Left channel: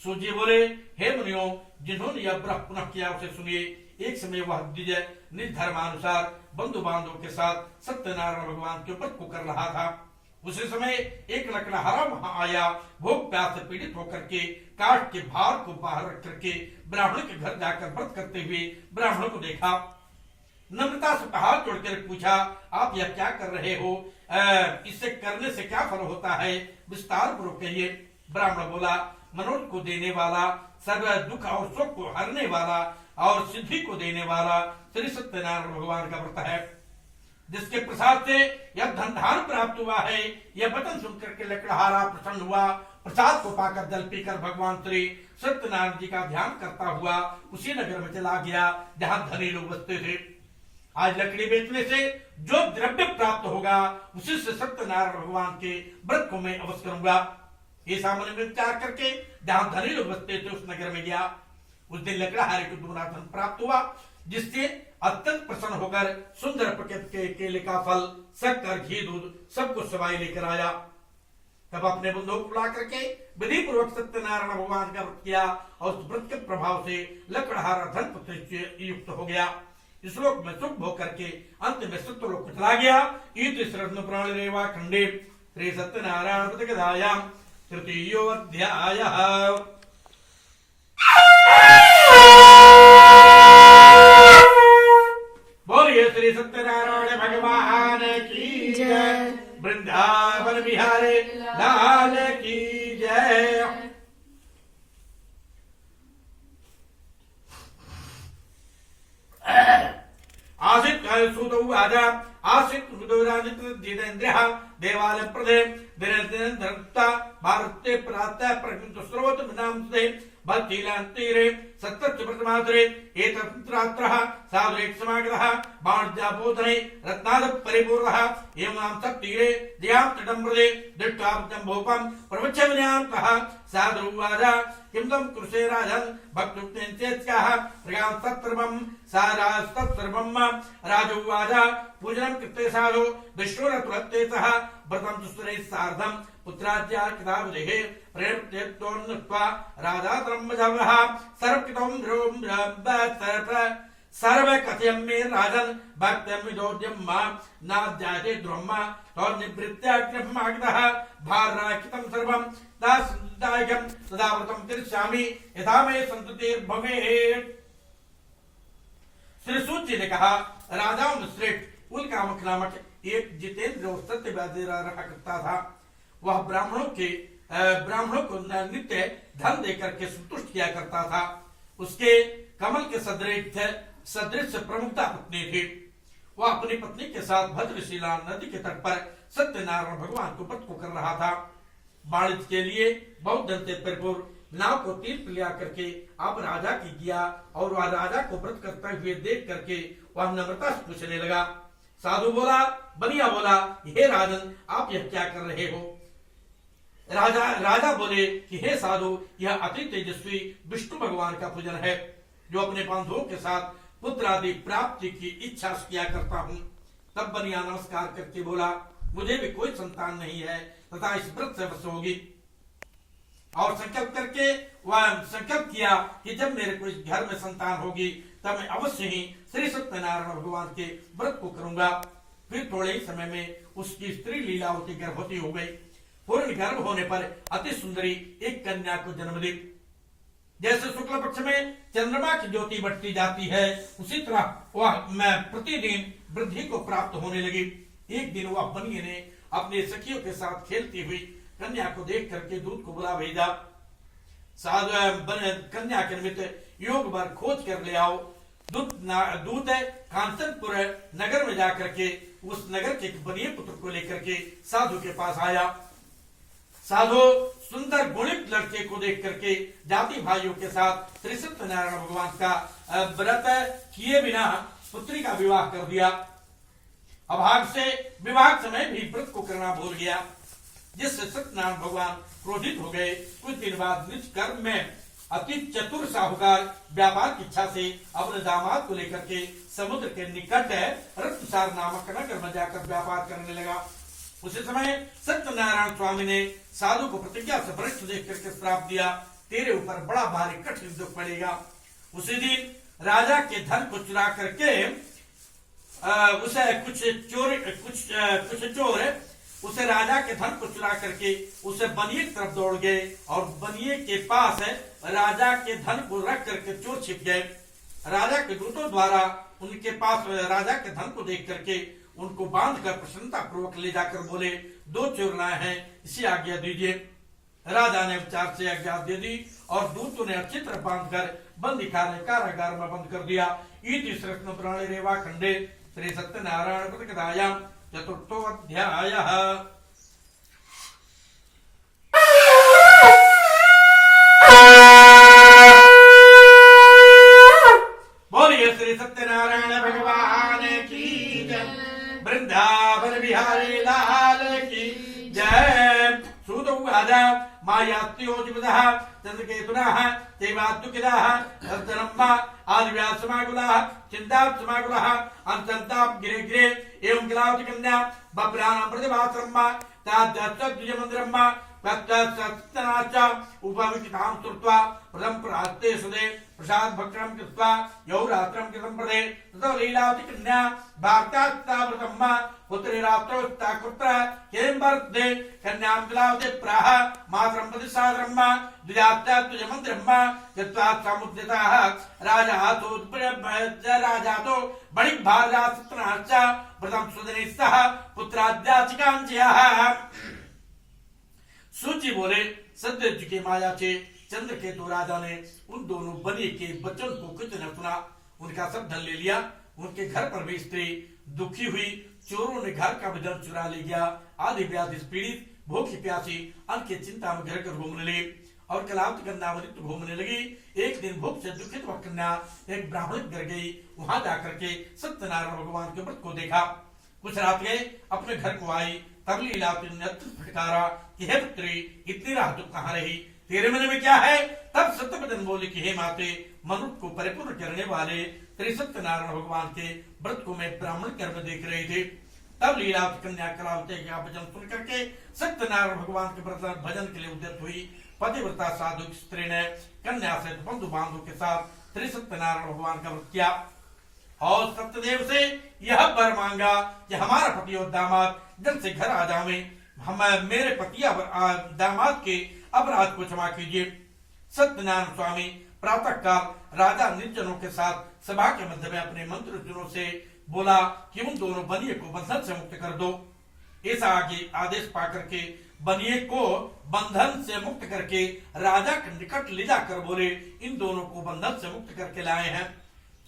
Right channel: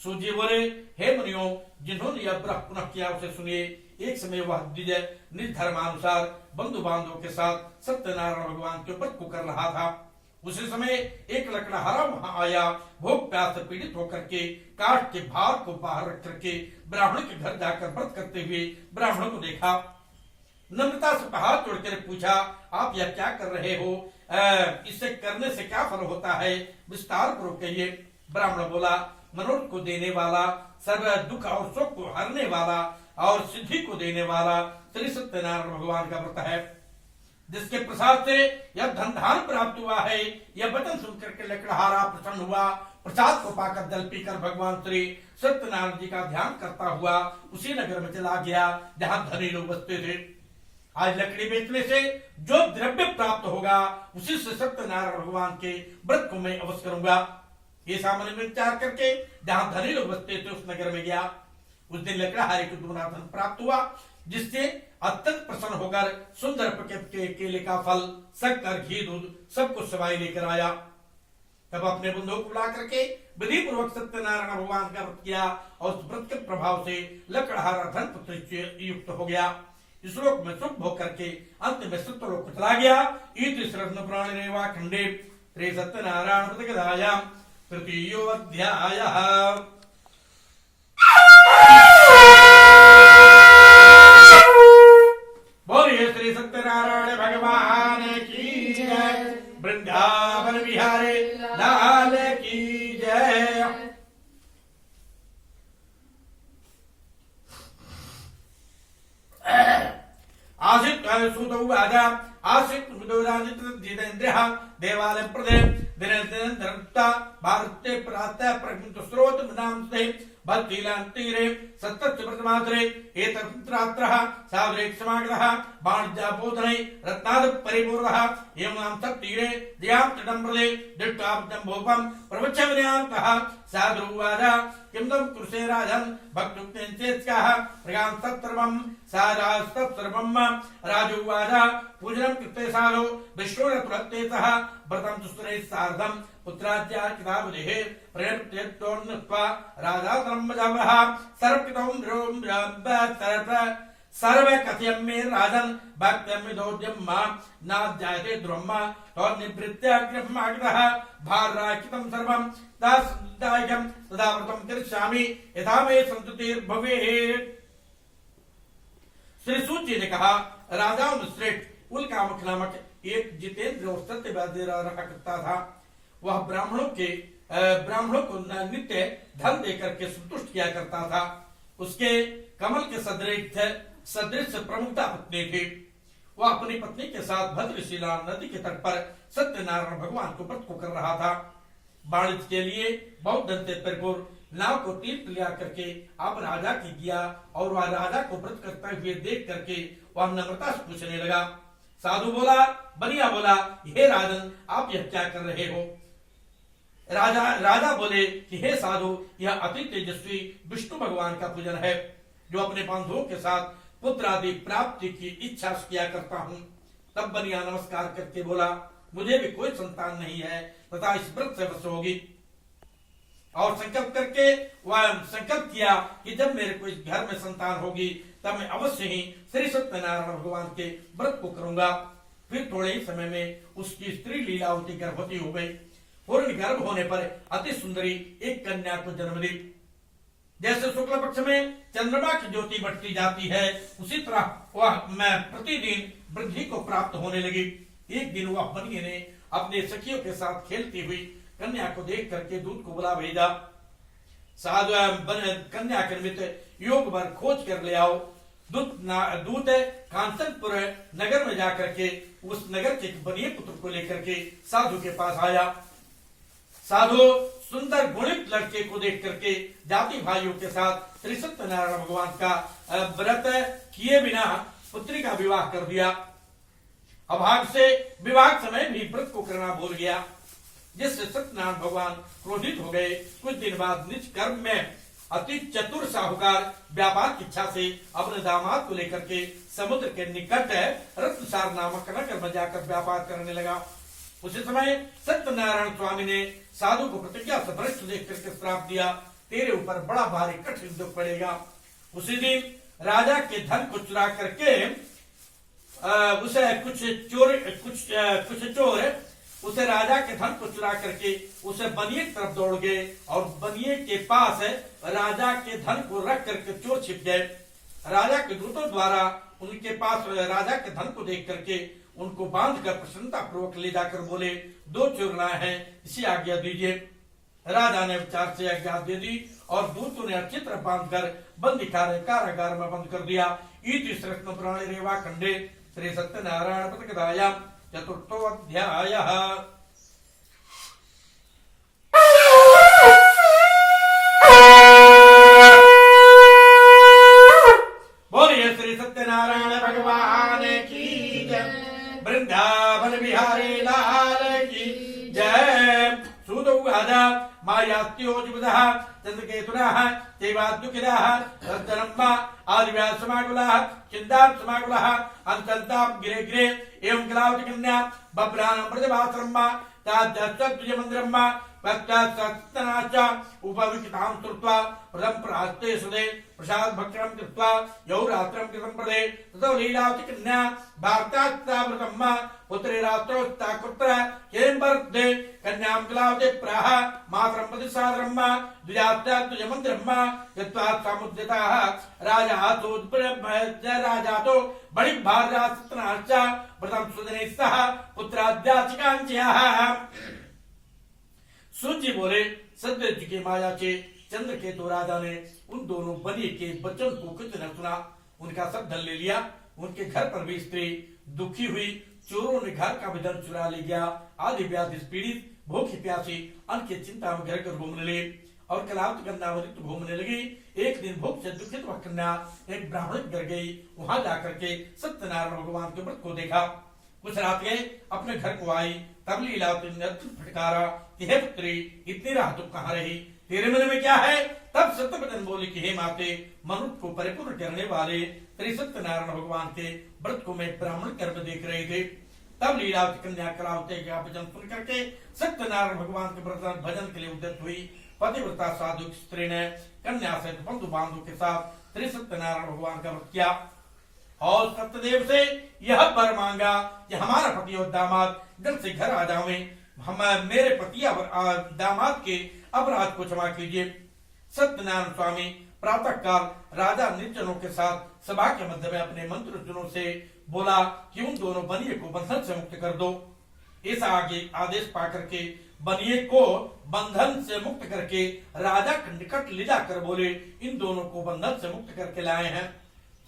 सूत जी बोले, हे मुनियों, जिन्होंने यह व्रत पुनः किया उसे सुनिए। एक समय वह द्विजय निर्धर्मानुसार बंधु बांधवों के साथ सत्यनारायण भगवान के व्रत को कर रहा था। उसी समय एक लकड़हारा वहां आया। भूख प्यास से पीड़ित होकर के काठ के भार को बाहर रख करके ब्राह्मण के घर जाकर व्रत करते हुए ब्राह्मण को देखा। नम्रता से हाथ जोड़कर पूछा, आप यह क्या कर रहे हो? इसे करने से क्या फल होता है? विस्तार पूर्वक कहिए। ब्राह्मण बोला, मनोरथ को देने वाला, सर्व दुख और सुख को हरने वाला और सिद्धि को देने वाला श्री सत्यनारायण भगवान का व्रत है, जिसके प्रसाद से यह धन धान प्राप्त हुआ है। यह वचन सुनकर के लकड़हारा प्रसन्न हुआ। प्रसाद को पाकर जल पीकर भगवान श्री सत्यनारायण जी का ध्यान करता हुआ उसी नगर में चला गया जहाँ धनी लोग बसते थे। आज लकड़ी बेचने से जो द्रव्य प्राप्त होगा उसी से सत्यनारायण भगवान के व्रत को मैं अवश्य करूंगा। ये सामान्य में विचार करके जहां धनी लोग बसते थे उस नगर में गया। उस दिन लकड़हारे को दुगना धन प्राप्त हुआ, जिससे अत्यंत प्रसन्न होकर सुंदर प्रकृति के केले का फल, शक्कर, घी, दूध सब कुछ सवाई लेकर आया। तब अपने बंधुओं को बुला करके विधि पूर्वक सत्यनारायण भगवान का व्रत किया और उस व्रत के प्रभाव से लकड़हारा धन पुत्र युक्त हो गया। इस लोक में सुख भोग करके अंत में सत्यलोक को चला गया। पुराण रेवा खंडे श्री सत्यनारायण व्रत कथायां तृतीयो अध्यायः। बोलिए श्री सत्यनारायण भगवान की जय। वृंदावन बिहारी लाल की जय। आसित सुदौ आजा आसित मुदोराजित जितेन्द्रिय देवालय प्रदे दिनदिनधरता भारते प्रातः प्रकृत स्रोत नामस्ते भक्तिलांतीरे सत्तस्य प्रथमासरे एतत्रात्रः सावरेक समागतः बाणजाबोधने रत्नाद परिपूर्णः एवं सत्तीरे दयां तटम्प्रदे दृष्टाब्दं भोपं प्रवचविन्यान्तः साधुवादा किंदम कुरुषे राजन भक्तुक्तेन चेत्स्याः प्रगां तत्सर्वं सारास्तत्सर्वं राजोवादा पूजनं कृते साधो विष्णुरतुलत्ते सह व्रतं सुस्तरे सार्धं पुत्राज्या किताबुदेः प्रेरप्तेत्तोर्नत्वा राधातरम्भजवः सर्वपितं ध्रुवं सर्व कथयं मे राजन् भक्त्यं विदोद्यं मा नाध्यायते ध्रुवं तौर्निवृत्त्या कृपमागतः भारराकितं सर्वं दासदायकं सदा व्रतं करिष्यामि यथा मे सन्ततिर्भवेत्। श्री सूत जी ने कहा, राजाओं में श्रेष्ठ उल्कामक नामक एक जितेंद्र और सत्यवादी रहा करता था। वह ब्राह्मणों को नित्य धन देकर के संतुष्ट किया करता था। उसके कमल के सदृश प्रमुखता पत्नी थी। वह अपनी पत्नी के साथ भद्रशिला नदी के तट पर सत्यनारायण भगवान के व्रत को कर रहा था। वाणिज्य के लिए बहुत धन से परिपूर्ण नाव को तीर्थ लिया करके अब राजा की गया और वह राजा को व्रत करते हुए देख करके वह नम्रता से पूछने लगा। साधु बोला, बनिया बोला, हे राजन, आप यह क्या कर रहे हो? राजा बोले कि हे साधु, यह अति तेजस्वी विष्णु भगवान का पूजन है, जो अपने बंधुओं के साथ पुत्र आदि प्राप्ति की इच्छा किया करता हूँ। तब बनिया नमस्कार करके बोला, मुझे भी कोई संतान नहीं है तथा इस व्रत से वश होगी। और संकल्प करके वह संकल्प किया कि जब मेरे को इस घर में संतान होगी तब मैं अवश्य ही श्री सत्यनारायण भगवान के व्रत को करूंगा। फिर थोड़े ही समय में उसकी स्त्री लीलावती गर्भवती हो गई। पूर्ण गर्भ होने पर अति सुंदरी एक कन्या को जन्म दी। जैसे शुक्ल पक्ष में चंद्रमा की ज्योति बढ़ती जाती है, उसी तरह वह प्रतिदिन वृद्धि को प्राप्त होने लगी। एक दिन वह बनिए ने अपने सखियों के साथ खेलती हुई कन्या को देख करके दूत को बुला भेजा। साधु कन्या के निमित्त योग भर खोज कर ले आओ। दूत कांचनपुर नगर में जाकर के उस नगर के बनिए पुत्र को लेकर के साधु के पास आया। साधु सुंदर गुणित लड़के को देख करके जाति भाइयों के साथ श्री सत्यनारायण भगवान का व्रत किए बिना पुत्री का विवाह कर दिया। अभाग से विवाह समय भी व्रत को करना भूल गया, जिससे सत्यनारायण भगवान क्रोधित हो गए। कुछ दिन बाद निज कर्म में अति चतुर साहूकार व्यापार की इच्छा से अपने दामाद को लेकर के समुद्र के निकट रत्नसार नामक नगर में जाकर व्यापार करने लगा। उसी समय सत्यनारायण स्वामी ने साधु को प्रतिज्ञा से भ्रष्ट देख करके श्राप दिया तेरे ऊपर बड़ा भारी कठिन दुख पड़ेगा। उसी दिन राजा के धन को चुरा करके उसे कुछ चोर उसे राजा के धन को चुरा करके उसे बनिए की तरफ दौड़ गए और बनिए के पास राजा के धन को रख करके चोर छिप गए। राजा के दूतों द्वारा उनके पास राजा के धन को देख करके उनको बांध कर प्रसन्नता पूर्वक ले जाकर बोले, 2 चोर लाए हैं, इसी आज्ञा दीजिए। राजा ने विचार से आज्ञा दे दी और दूतों ने अच्छी तरह बांध कर बंदी कारागार में बंद कर दिया। इति श्रीकृष्ण पुराणे रेवा खंडे श्री सत्यनारायण प्रतिकथायां चतुर्थो अध्यायः। बोलिए श्री सत्यनारायण भगवान की जय, वृंदावन बिहारी लाल की जय। सूतौवाच मायास्त्योजिविदः चन्द्रकेतुनः देवाद्युकिलः तद्धर्मा आदिव्यासमाकुलः चिन्तात्समाकुलः अन्तर्ताप गिरे गिरे एवं कलावती कन्या बभ्राणां प्रतिभासर्मा ताद्यस्तद्विजमन्दिरम्मा तत्तनाच उपविष्टां स्तुत्वा प्रथम प्रास्ते सुदे प्रसाद भक्षणं कृत्वा यौ रात्रं कृतं प्रदे ततो लीलावती कन्या वार्तास्तावृतम्मा पुत्री रात्रोस्ता कुत्र हेम्बर्दे कन्यां कलावती प्राह मातरं प्रतिसादरम्मा द्विजात्याद्विजमन्दिरम्मा यत्वा समुद्दिताः राजातो बणिक भार्या सत्यनाश्च व्रतं सुदनैः सह पुत्राद्याचिकाञ्चयः। सूची बोले, सत्यज के माया के चंद्रकेतु राजा ने उन दोनों बनिए के वचन को कुछ न सुना, उनका सब धन ले लिया। उनके घर पर भी स्त्री दुखी हुई, चोरों ने घर का भी धन चुरा ले गया। आदि व्याधि पीड़ित भूखी प्यासी अन्न की चिंता में घर कर घूमने लगी और कलावती कन्या घूमने लगी। एक दिन भूख से दुखित वह कन्या एक ब्राह्मण घर गई। वहां जाकर के सत्यनारायण भगवान के व्रत को देखा। कुछ रात गए अपने घर को आई, तब लीलावती ने फटकारा कि हे पुत्री, इतनी रात तुम कहाँ रही, तेरे मन में क्या है? तब सत्यवदन बोली कि हे माते, मनुष्य को परिपूर्ण करने वाले श्री सत्यनारायण भगवान के व्रत को मैं ब्राह्मण कर्म में देख रहे थे। तब लीलावती कन्या कलावती का भजन सुन करके सत्यनारायण भगवान के व्रत भजन के लिए उद्यत हुई। पतिव्रता साधु स्त्री ने कन्या से बंधु बांधव के साथ श्री सत्यनारायण भगवान का व्रत किया और सत्यदेव से यह वर मांगा कि हमारा पति और दामाद जल्द से घर आ जावे, हम मेरे पति दामाद के अपराध को क्षमा कीजिए। सत्यनारायण स्वामी प्रातः काल राजा निर्जनों के साथ सभा के मध्य में अपने मंत्रजनों से बोला कि उन दोनों बनिए को बंधन से मुक्त कर दो। ऐसा आगे आदेश पाकर के बनिए को बंधन से मुक्त करके राजा के निकट ले जाकर बोले, इन दोनों को बंधन से मुक्त करके लाए हैं।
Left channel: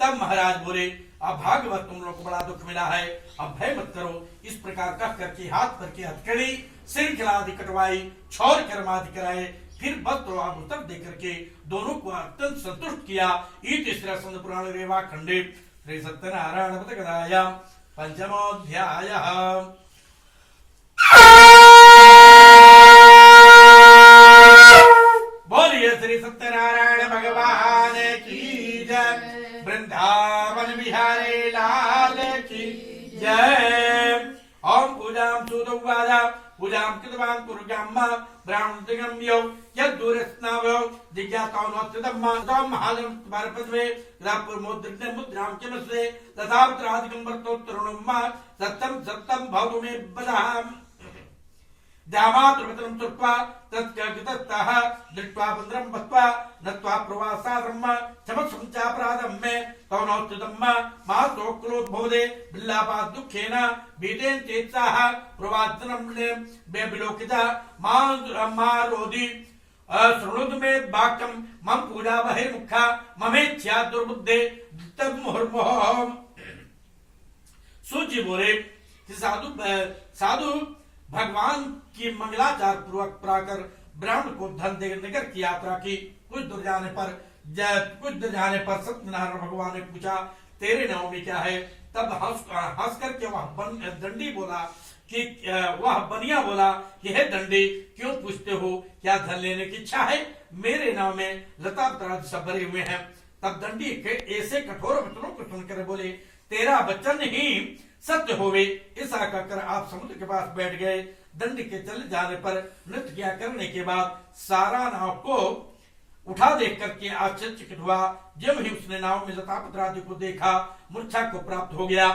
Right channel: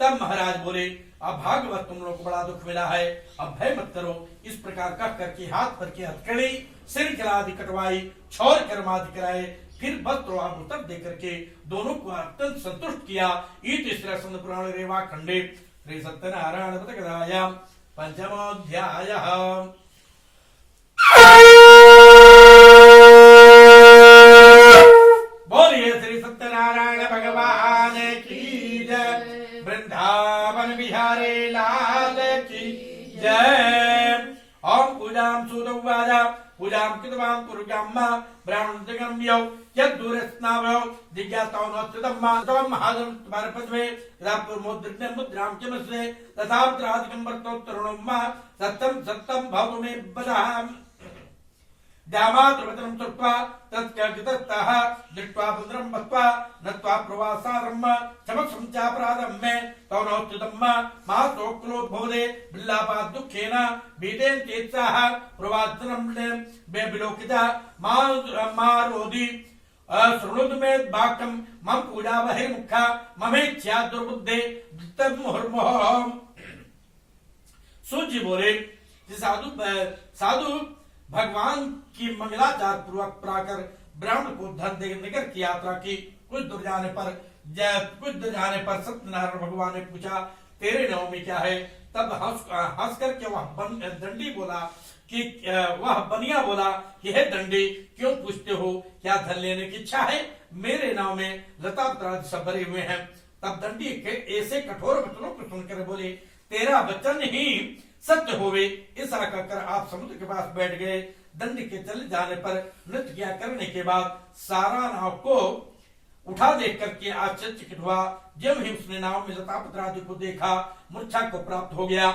तब महाराज बोले, अब भागवत तुम लोग को बड़ा दुख मिला है, अब भय मत करो। इस प्रकार कह करके हाथ पर की हथकड़ी श्रृंखला आदि कटवाई, छौर कर्म आदि कराए, फिर वस्त्र आभूषण दे करके दोनों को अत्यंत संतुष्ट किया। इति श्री पुराण रेवा खंडे श्री सत्यनारायण प्रतिकथायां पंचमोऽध्यायः। बोलिए श्री सत्यनारायण भगवान की जय, वृंदावन बिहारी लाल की जय। ओम पूजां सुदौवाच पूजां कृतवान् कुरुजाम्मा ब्राह्मणोत्तगम्यो यद्दूरस्नावो जिज्ञासावनोत्तममा तौ महाजनं भारपद्वे तदापुर्मोद्रिक्तं मुद्रां किमस्ते तथात्राधिकं वर्तोत्तरुणम्मा सत्यं सत्यं भवतु मे वदाम। दामातृवचनं कृत्वा तत्कर्गितस्तः दृष्ट्वा पुत्रं वत्वा नत्वा प्रवासारम्भ समक्षं चापराधं मे तौ नोत्तुतम्म मासोक्रोद्भोदे बिल्लापात् दुःखेन भीतेन चेत्साः प्रवासनं विलोकिता मारोधि शृणुतु मे वाक्यं मम पूजा बहिर्मुखा ममेच्छा दुर्बुद्धे मुहुर्मुहुः। सूची बोले कि साधु भगवान की मंगलाचार पूर्वक प्राकर ब्राह्मण को धन देकर की यात्रा की। कुछ दूर जाने पर सत्यनारायण भगवान ने पूछा, तेरे नाम में क्या है? तब हंस करके वह दंडी बोला कि वह बनिया बोला कि हे दंडी, क्यों पूछते हो? क्या धन लेने की इच्छा है? मेरे नाम में लता पत्रादि सब भरे हुए हैं। तब दंडी के ऐसे कठोर वचनों को सुनकर बोले, तेरा वचन ही सत्य होवे। ऐसा कहकर आप समुद्र के पास बैठ गए। दंडी के चले जाने पर नृत्य करने के बाद सारा नाव को उठा देख करके आश्चर्यचकित हुआ। जब ही उसने नाव में जटापति को देखा, मूर्छा को प्राप्त हो गया।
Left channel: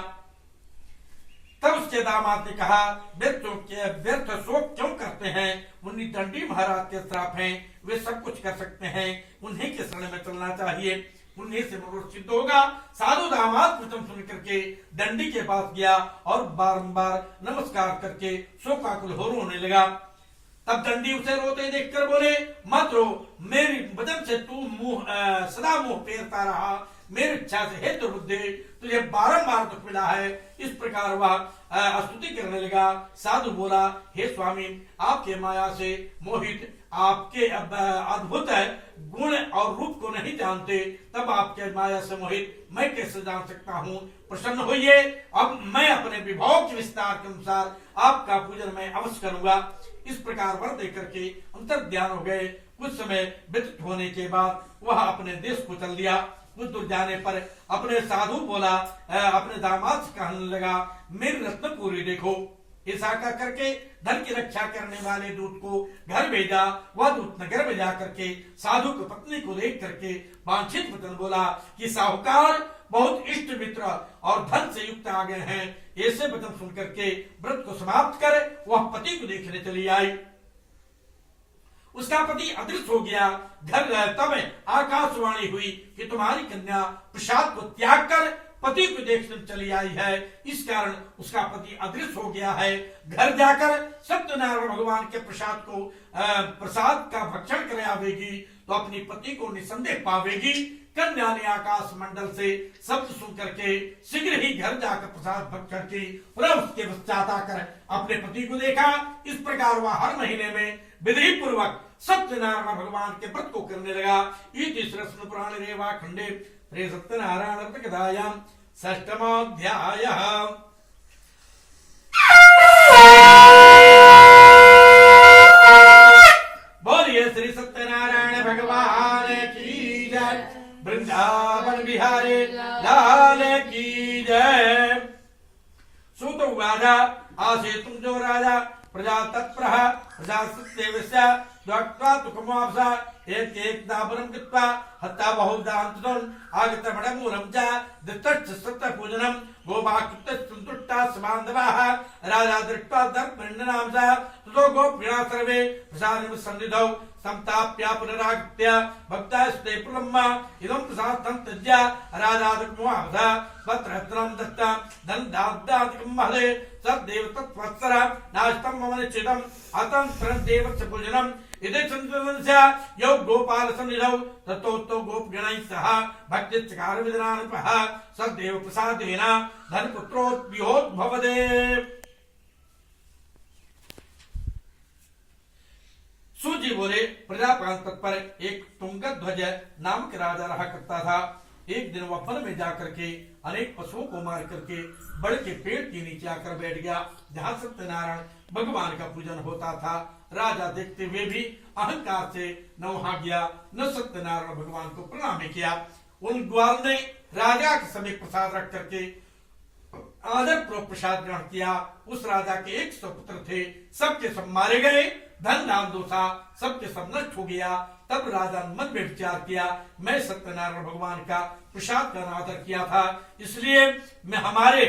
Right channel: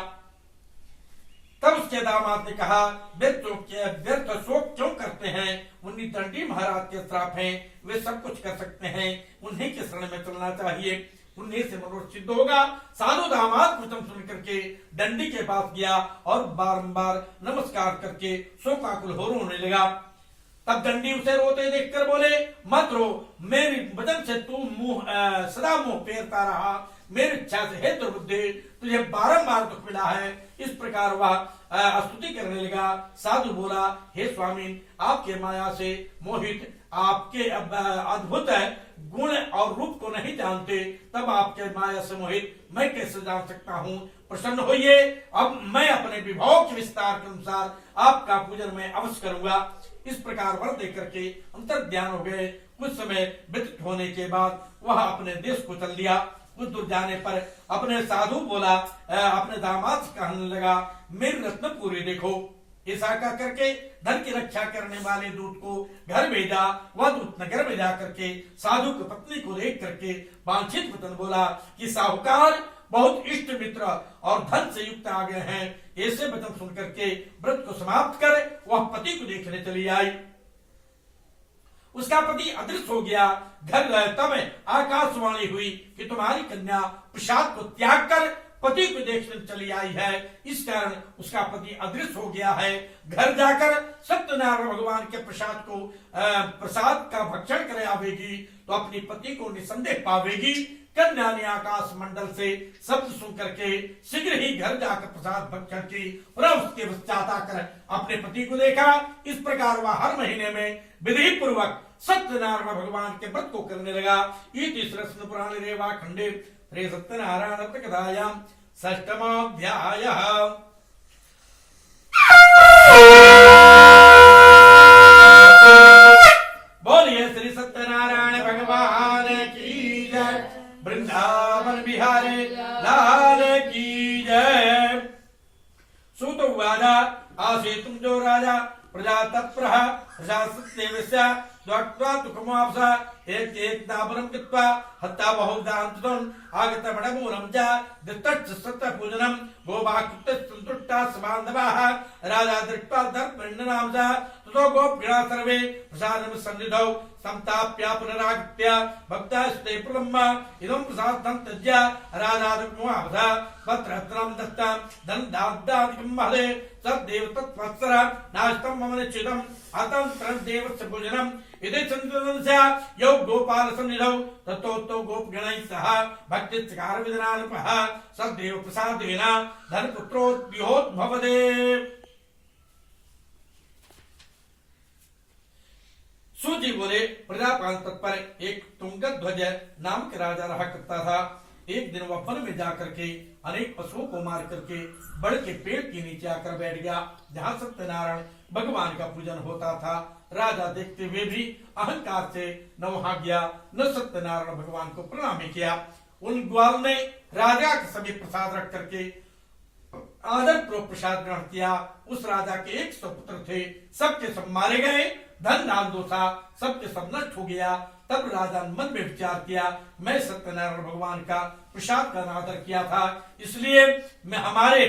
तब उसके दामाद ने कहा, व्यर्थ शोक क्यों करते हैं? उन्हीं दंडी महाराज के श्राप हैं, वे सब कुछ कर सकते हैं, उन्हीं के शरण में चलना चाहिए, उन्हीं से मनोरथ सिद्ध होगा। साधु दामाद वचन सुन करके दंडी के पास गया और बारंबार नमस्कार करके शोकाकुल हो रोने लगा। तब दंडी उसे रोते देखकर बोले, मत रो, मेरी वचन से तू सदा मुंह फेरता रहा, मेरी इच्छा से हे दुर्बुद्धि, तुझे बारंबार दुख मिला है। इस प्रकार वह स्तुति करने लगा। साधु बोला, हे स्वामी, आपके माया से मोहित, आपके अद्भुत गुण और रूप को नहीं जानते, तब आपके माया से मोहित मैं कैसे जान सकता हूँ? प्रसन्न होइए, अब मैं अपने विभव के विस्तार के अनुसार आपका पूजन मैं अवश्य करूंगा। इस प्रकार वर देकर के अंतर ध्यान हो गए। कुछ समय व्यतीत होने के बाद वह अपने देश को चल दिया। कुछ दूर जाने पर अपने साधु बोला, अपने दामाद से कहने लगा, मेरी रत्नपुरी देखो। ऐसा कह करके धन की रक्षा करने वाले दूत को घर भेजा। वह दूत नगर में जाकर के साधु की पत्नी को देख करके वांछित वचन बोला कि साहूकार बहुत इष्ट मित्र और धन से युक्त आ गए हैं। ऐसे वचन सुन करके व्रत को समाप्त कर वह पति को देखने चली आई। उसका पति अदृश्य हो गया। घर गए तब आकाशवाणी हुई कि तुम्हारी कन्या प्रसाद को त्याग कर पति को देखने चली आई है। इस कारण उसका पति अदृश्य हो गया है। घर जाकर सत्यनारायण भगवान के प्रसाद का भक्षण कर आवेगी तो अपनी पति को निसंदेह पावेगी। कन्या ने आकाश मंडल से शब्द सुन करके शीघ्र ही घर जाकर प्रसाद भक्षण की और उसके पश्चात आकर अपने पति को देखा। इस प्रकार वह हर महीने में विधि पूर्वक सत्यनारायण भगवान के व्रत को करने लगा। इति श्री पुराणे रेवा खंडे श्री सत्यनारायण कथायां षष्ठमोऽध्यायः। बोलिए श्री सत्यनारायण भगवान की जय, वृंदावन बिहारी लाल की जय। सूत उवाच, आसीतुं जो राजा प्रजा तत्प्रः प्रजा सत्यवस्य द्वक्त्वा तुकमाप्सा एक दापरं कृत्वा हत्ता बहुदान्तुतं आगतमणमूलं च दत्तच्च सत्यपूजनं गोभाकृत्य सन्तुष्टा सबान्धवाः राजा दृष्ट्वा दर्पणनां च ततो गोपगणा सर्वे प्रसादं सन्निधौ संताप्य पुनरागत्य भक्तास्ते प्रलम्ब इदं प्रसादं त्यज्य राजा दृग्मुहावधा वस्त्रहस्त्रं दत्तं धनदाब्दादिकं महदे सद्देव तत्वत्सर नास्तं मम निश्चितम् अतन्त्रं देवस्य पूजनम् इदे चन्द्रवंशा यौ गोपाल सन्निधौ ततो गोपगणैः सह भक्तिचकार विदनानुपः सद्देव प्रसादेन धनपुत्रोद्विहोद्भवदे। सूजी बोले, प्रजापाल तत्पर एक तुंगध्वज नाम के राजा रहा करता था। एक दिन वह वन में जाकर के अनेक पशुओं को मार करके बड़ के पेड़ के नीचे आकर बैठ गया, जहाँ सत्यनारायण भगवान का पूजन होता था। राजा देखते हुए भी अहंकार से न वहां गया न सत्यनारायण भगवान को प्रणाम किया। उन ग्वाल ने राजा के समीप प्रसाद रख करके आदर पूर्वक प्रसाद ग्रहण किया। उस राजा के 100 पुत्र थे, सबके सब मारे गए। धन दान दोषा सबके सब नष्ट हो गया। तब राजा ने मन में विचार किया, मैं सत्यनारायण भगवान का प्रसाद का आदर किया था, इसलिए मैं हमारे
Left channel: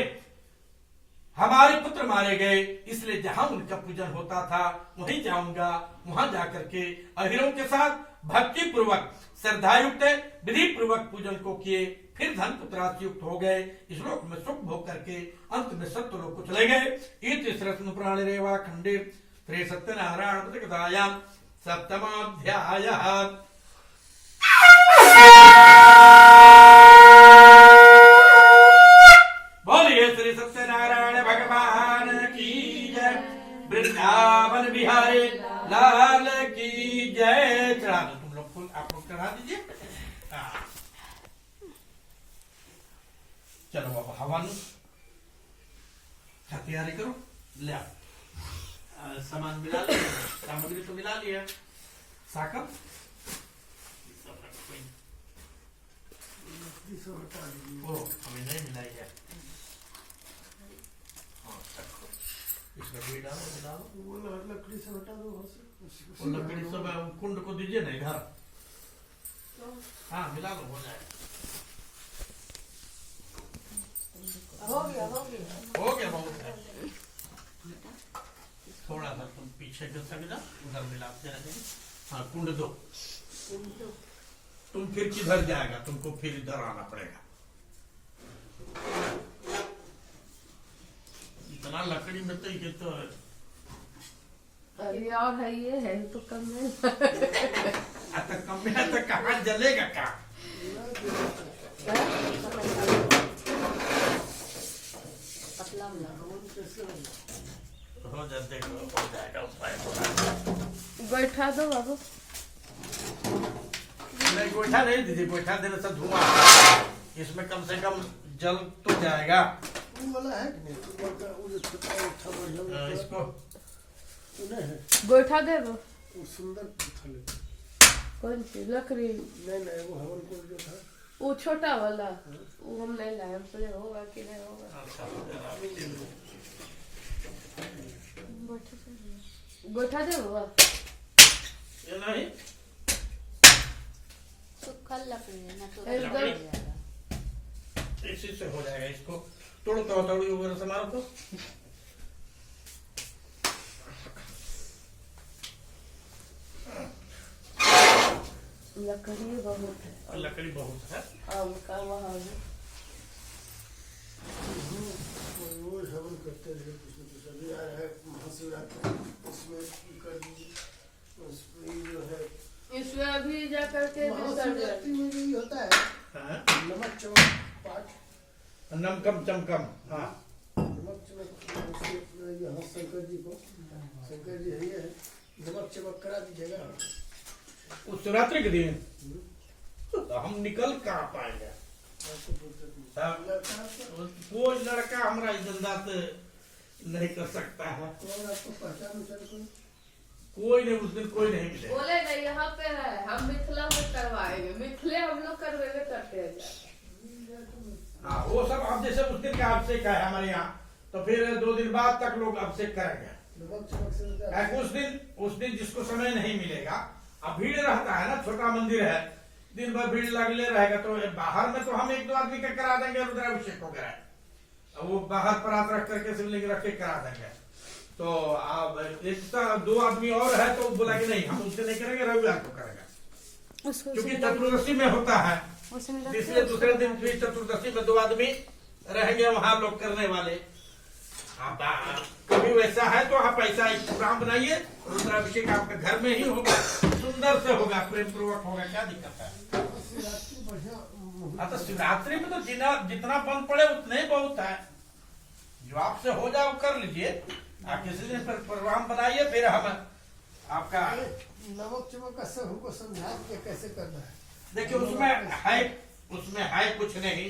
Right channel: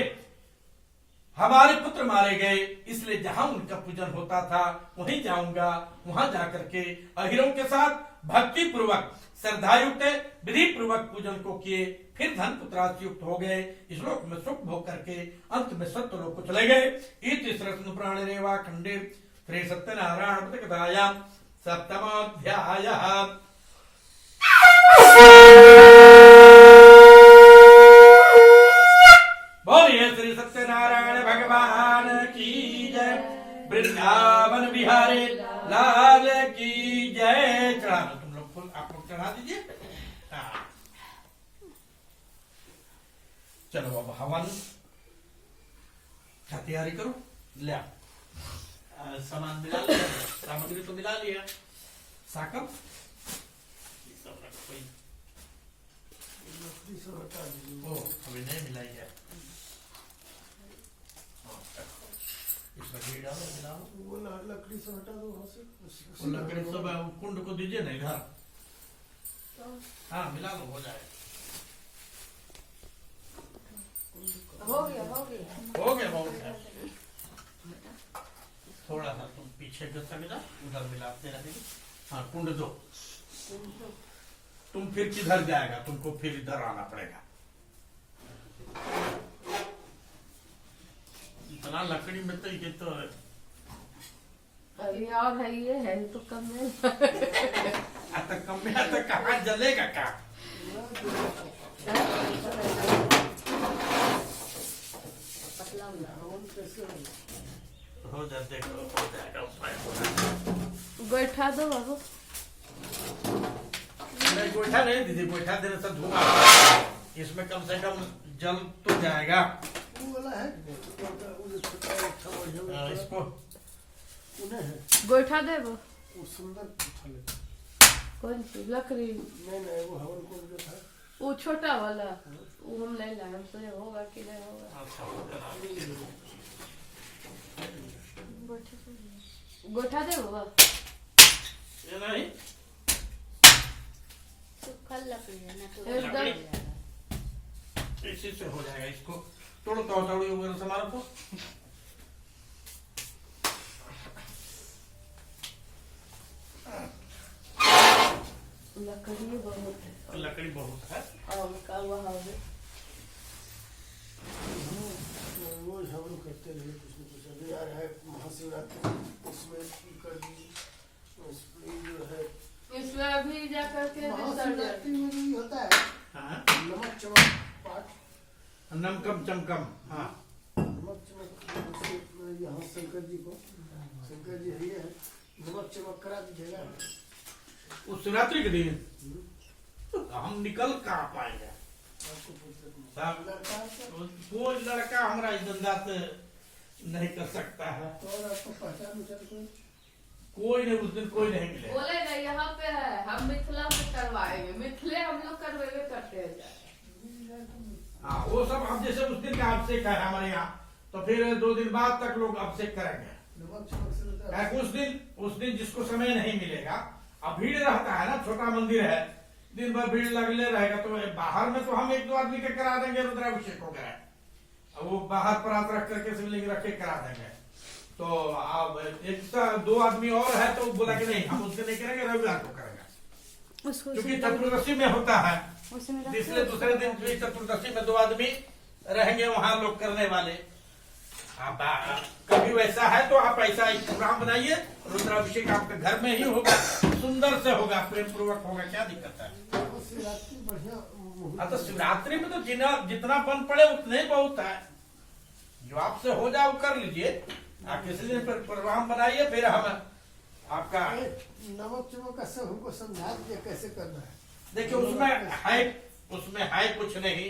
पुत्र मारे गए, इसलिए जहां उनका पूजन होता था वहीं जाऊंगा। वहां जाकर के अहिरों के साथ भक्ति पूर्वक श्रद्धायुक्त विधि पूर्वक पूजन को किए। फिर धन पुत्रादि युक्त हो गए। इस लोक में सुख भोग करके अंत में सत्य लोक को चले गए। इति श्री पुराणे रेवा खंडे श्री सत्यनारायण कथायां सप्तमोऽध्यायः। बोलिए श्री सत्यनारायण भगवान की जय, वृंदावन बिहारी लाल की जय। चढ़ा दो तुम लोग फूल, आप लोग चढ़ा दीजिए। चलो अब हवन क्या तैयारी करो, ले आओ। सामान मिला लिया, सामग्री तो मिला लिया। साकम अभी नहीं मिलाई है। इसमें घी डालो, मिला लो। वो लकड़ी से हटा दो वहां से। लकड़ी सब कुंड को दीजिए ना इधर। हाँ मिला लो, हो जाएगा। हो गया हो गया। हो गया, बहुत है। थोड़ा सा तुम पीछे जो सक जाओ, उधर मिलाते रहेंगे। हाँ कुंड दो। तुम फिर किधर जाएगा, तुमको फिर इधर आना पड़ेगा। इतना लकड़ी में तो ये तो अरे और है ये है तो कम है। आता कम में आता कहाँ जलेगा का? हो जा, देखो हो जाएगा, उपाय हो जाएगा। गोइठा दो बाबू। नहीं गोइठा नहीं दीदी, गोइठा देने से धुआं आता है। इसमें कम से कम जल तो जाएगा। इसको गोइठा दे वो सुंदर कौन सी लकड़ी? नहीं वो हवन कुंड जो था वो छोटा वाला, वो हम नहीं लाए, हमको नहीं होगा कि नहीं होगा। गोइठा दे बाबा। ये नहीं सूखल लकड़ी है ना, तो एकदम इसी से हो जाएगा। इसको तोड़ दो, हथौड़ी वगैरह से मारो तो। लकड़ी बहुत है। लकड़ी बहुत है। आम का वहाँ भी वो हवन करते रहे कुछ न कुछ। अभी आ रहा है महाशिवरात्रि, उसमें कर दीजिए। उसमें जो है इसमें अभी जा करके महाशिवरात्रि में यही होता है, हाँ? नमक चमक पाठ। नमकम चमकम। हाँ नमक चमक यहाँ शंकर जी को, शंकर जी हरिये है, नमक चमक करा दीजिएगा। उस शिवरात्रि के दिन तो हम निकल कहाँ पाएंगे? आपको फुर्सत नहीं। साहब, लड़का है वो लड़का हमारा इज्जतदार से नहीं कर सकता है। और आपको पहचान उचान कोई नहीं, उस दिन कोई नहीं मिलेगा। बोले ना यहाँ पे है, हम मिथिला में करवाएंगे। मिथिले हम लोग करवेगे करते हैं। हाँ वो सब अब जैसे उस दिन का अभिषेक है हमारे यहाँ, तो फिर 2 दिन बाद तक लोग अभिषेक करेंगे। नमक चमक से होता है। उस दिन जिसको समय नहीं मिलेगा, अब भीड़ रहता है ना, छोटा मंदिर है, दिन भर भीड़ लगले रहेगा। तो बाहर में तो हम 1-2 आदमी के करा देंगे रुद्राभिषेक वगैरह, वो बाहर परात रख करके शिवलिंग रख के करा देंगे। तो अब 1-2 आदमी और है तो बोला कि नहीं हम उससे नहीं करेंगे, रविवार को करेंगे, क्योंकि चतुर्दशी में होता है। इसलिए दूसरे दिन भी चतुर्दशी में 2 आदमी रहेंगे वहां लोग करने वाले। आप कभी वैसा है तो आप ऐसा एक प्रोग्राम बनाइए, रुद्राभिषेक आपके घर में ही होगा, सुंदर से होगा, प्रेम पूर्वक होगा, क्या दिक्कत है? शिवरात्रि बढ़िया मुहूर्त। हाँ तो शिवरात्रि में तो जितना बन पड़े उतने ही बहुत है। जो आपसे हो जाए वो कर लीजिए। आप किसी दिन पर प्रोग्राम बनाइए, फिर हम आपका नमक चमक का सब हमको समझा दीजिए कैसे करना है। देखिए उसमें है कुछ नहीं।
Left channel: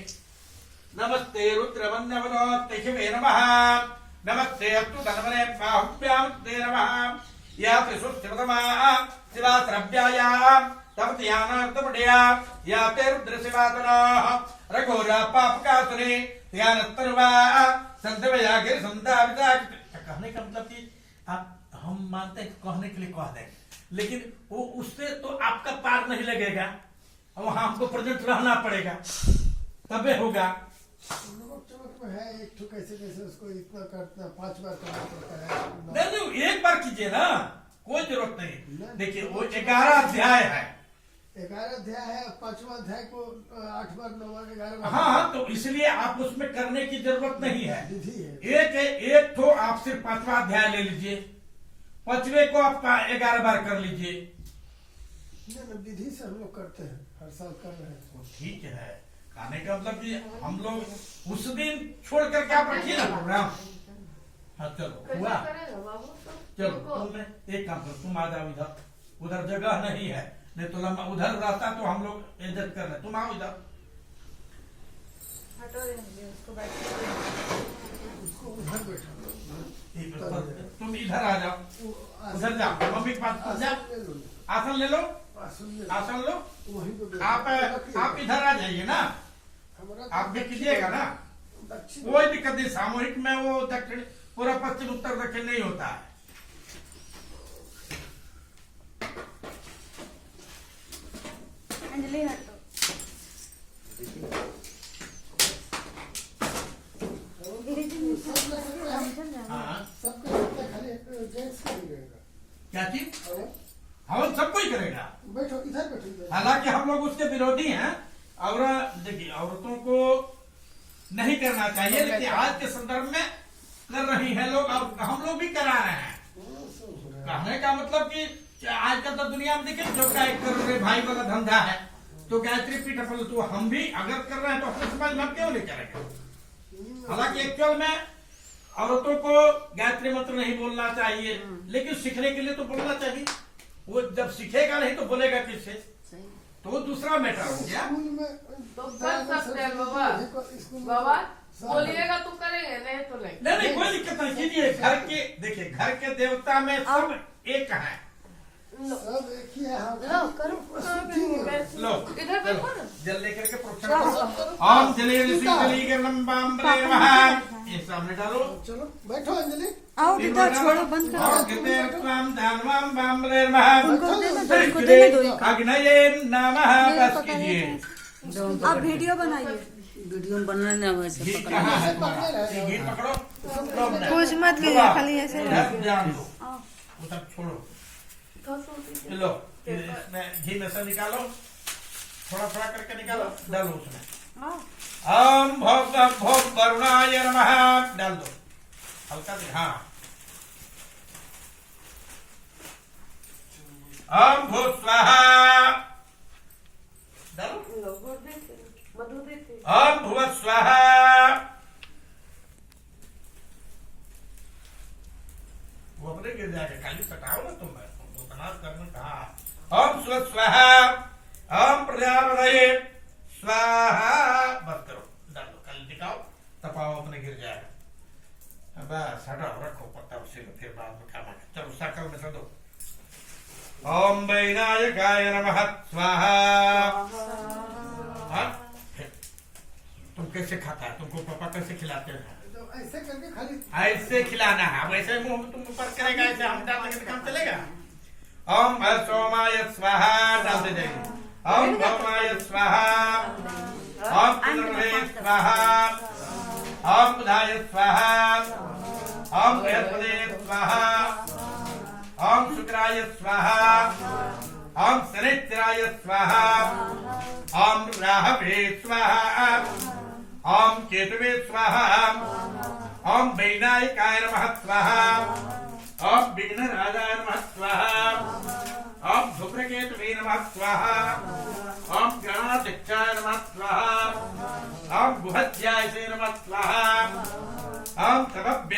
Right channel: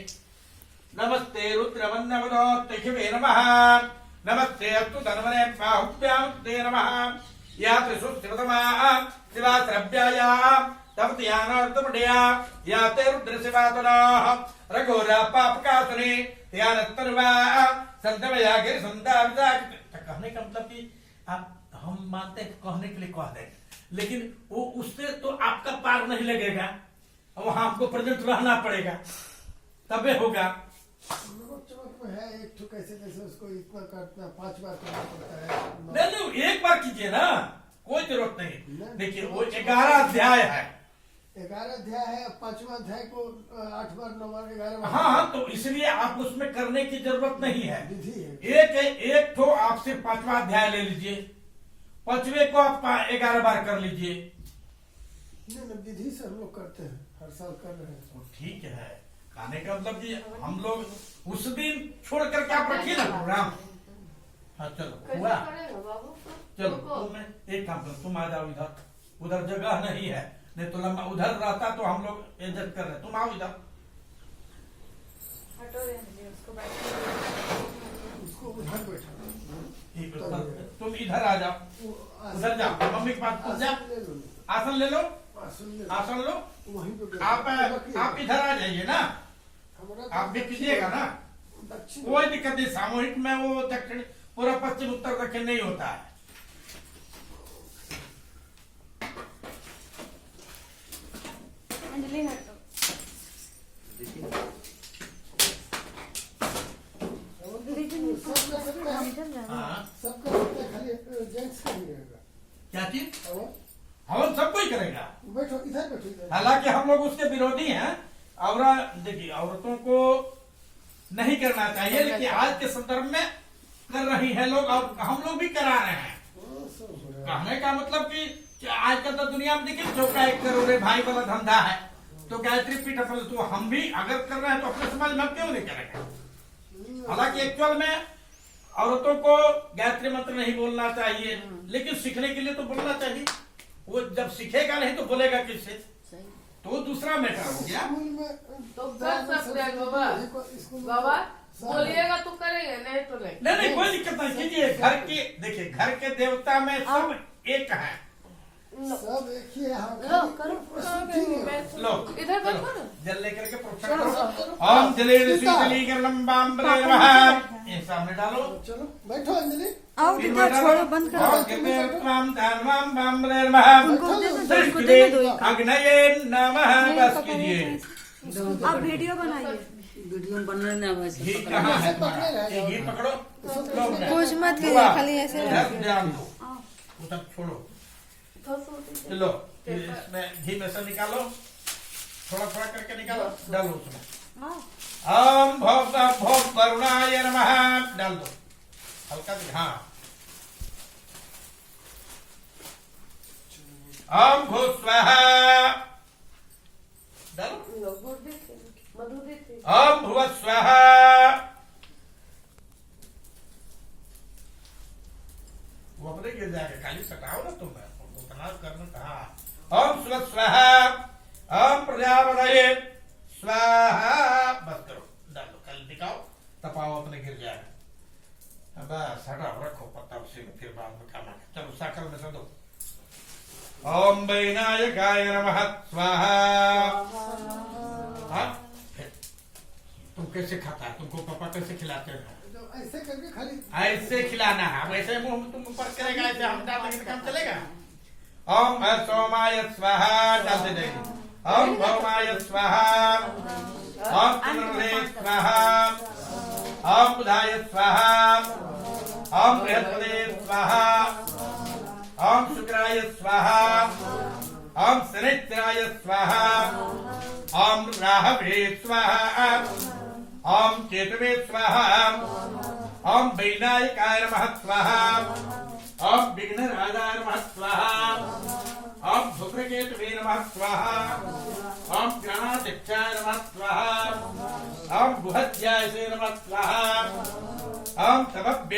नमस्ते रुद्र वंदे नमः, नमस्ते अस्तु धनवने बाहुभ्यां ते नमः। या त्रिशुष्टमतमा शिवात्रभ्यायां तब ध्यानार्थमढ़या या ते रुद्र शिवातुनाः रघोरा पापकासुरे ध्यानत्तर्वा संतमया गिर संताविदा। कहने का मतलब कि आप हम मानते हैं, कहने के लिए कह दें, लेकिन वो उससे तो आपका पार नहीं लगेगा, वहां आपको प्रेजेंट रहना पड़ेगा, तबे होगा। नमक चमक में है एक तो कैसे उसको इतना करना 5 बार करना पड़ता है। नहीं एक बार कीजिए ना, कोई जरूरत नहीं। देखिए वो 11 अध्याय है। 11 अध्याय है, 5वां अध्याय को 8 बार 9 बार 11 बार। हाँ तो इसलिए आप उसमें करने की जरूरत नहीं है। विधि है। एक तो आप सिर्फ 5वां अध्याय ले लीजिए, 5वें को आप 11 बार कर लीजिए। नहीं विधि से हम लोग करते हैं, हर साल कर रहे हैं। तो ठीक है, कहने का मतलब कि हम लोग उस दिन छोड़ करके आप रखिए ना प्रोग्राम। हाँ चलो हुआ, चलो तुम एक काम करो, तुम आ जाओ इधर, उधर जगह नहीं है, नहीं तो लंबा उधर रहता तो हम लोग एडजस्ट कर ले। तुम आओ इधर, उसको उधर बैठा। तुम इधर आ जाओ, उधर जाओ, मम्मी के पास जाओ, आसन ले लो, आसन लो। वहीं पे आप इधर आ जाइए ना, आप भी कीजिएगा ना, कोई दिक्कत नहीं। सामूहिक में वो दक्षिण पूरा पश्चिम उत्तर दक्षिण नहीं होता है। अंजलि हटो। सबका हाँ खाली जेंट्स का ही रहेगा। क्या चीज और हवन सब कोई करेगा। बैठो इधर बैठो इधर। हालांकि हम लोग उसके विरोधी हैं। और देखिए औरतों को नहीं करना चाहिए, लेकिन आज के संदर्भ में कर रही हैं लोग और हम लोग भी करा रहे हैं। कहने का मतलब कि आजकल तो दुनिया में देखिए सबका एक करोड़ भाई वाला धंधा है, तो गायत्री पीठ अपन तो हम भी अगर कर रहे हैं तो अपने समाज में हम क्यों नहीं करेंगे। हालांकि एक्चुअल में औरतों को गायत्री मंत्र नहीं बोलना चाहिए, लेकिन सीखने के लिए तो बोलना चाहिए। वो जब सीखेगा नहीं तो बोलेगा किससे, सही। तो वो दूसरा मैटर हो गया। स्कूल में तो कर सकते हैं बाबा। स्कूल में बाबा बोलिएगा तो करेंगे, नहीं तो नहीं। नहीं नहीं कोई दिक्कत नहीं कीजिए। घर के देखिए घर के देवता में सब एक है। सब एक ही है। हाँ, लो करो। प्रस्तुति नहीं है। लो इधर देखो ना। जल लेकर के प्रोक्षण करो। ओम जले ये सामने डालो। चलो बैठो अंजलि। आओ बेटा, छोड़ो, बंद करो। और कीर्तनम धर्मम बम्बरे नमः। उनको देने दो, उनको देने दो एक। अग्नये नमः बस कीजिए। आप वीडियो बनाइए। वीडियो बनने वैसे घी कहाँ है पकड़े तुम्हारा? रहे। ये घी पकड़ो। कुछ मत करिए, बाबा, खाली ऐसे इधर ध्यान दो। वो सब छोड़ो। तो लो इसमें घी में से निकालो, थोड़ा थोड़ा करके निकालो, डालो उसमें। ओम भोग भोग वरुणाय नमः डाल दो हल्का से। हाँ ओम भू स्वाहा डालो। गुड़ देते, मधु देते। ओम भुव स्वाहा। वो अपने गिर जाएगा, खाली सटाओ ना तुम उतना करना कहा। ओम स्व स्वाहा। ओम प्रजापतये स्वाहा। बस करो, डाल दो, कल दिखाओ, तपाओ, अपने गिर जाएगा। बस हटाओ, रखो पत्ता उसी में, फिर बाद में खाना। चलो साकल में से दो। ओम वैनायकाय नमः स्वाहा। हाँ? तुम कैसे खाता है? तुमको पापा कैसे खिलाते हैं? तो ऐसे करके खाली ऐसे खिलाना है, वैसे मुंह में तुम ऊपर करेगा, ऐसे हम डालेंगे तो काम चलेगा। ओम सोमाय स्वाहा डालते जाइए। ओम भौमाय स्वाहा। ओम पुनर्वे स्वाहा। ओम बुधाय स्वाहा। ओम बृहस्पते स्वाहा। ओम शुक्राय स्वाहा। ओम शनिश्चराय स्वाहा। ओम राहवे स्वाहा। ओम केतवे स्वाहा। ओम वैनायकाय नमः स्वाहा। ओम विघ्नराजाय नमः स्वाहा। ओम शुक्रकेतवे नमः स्वाहा। ओम गणाध्यक्षाय नमः स्वाहा। ओम गुहध्याय नमः स्वाहा। ओम तमभ्ये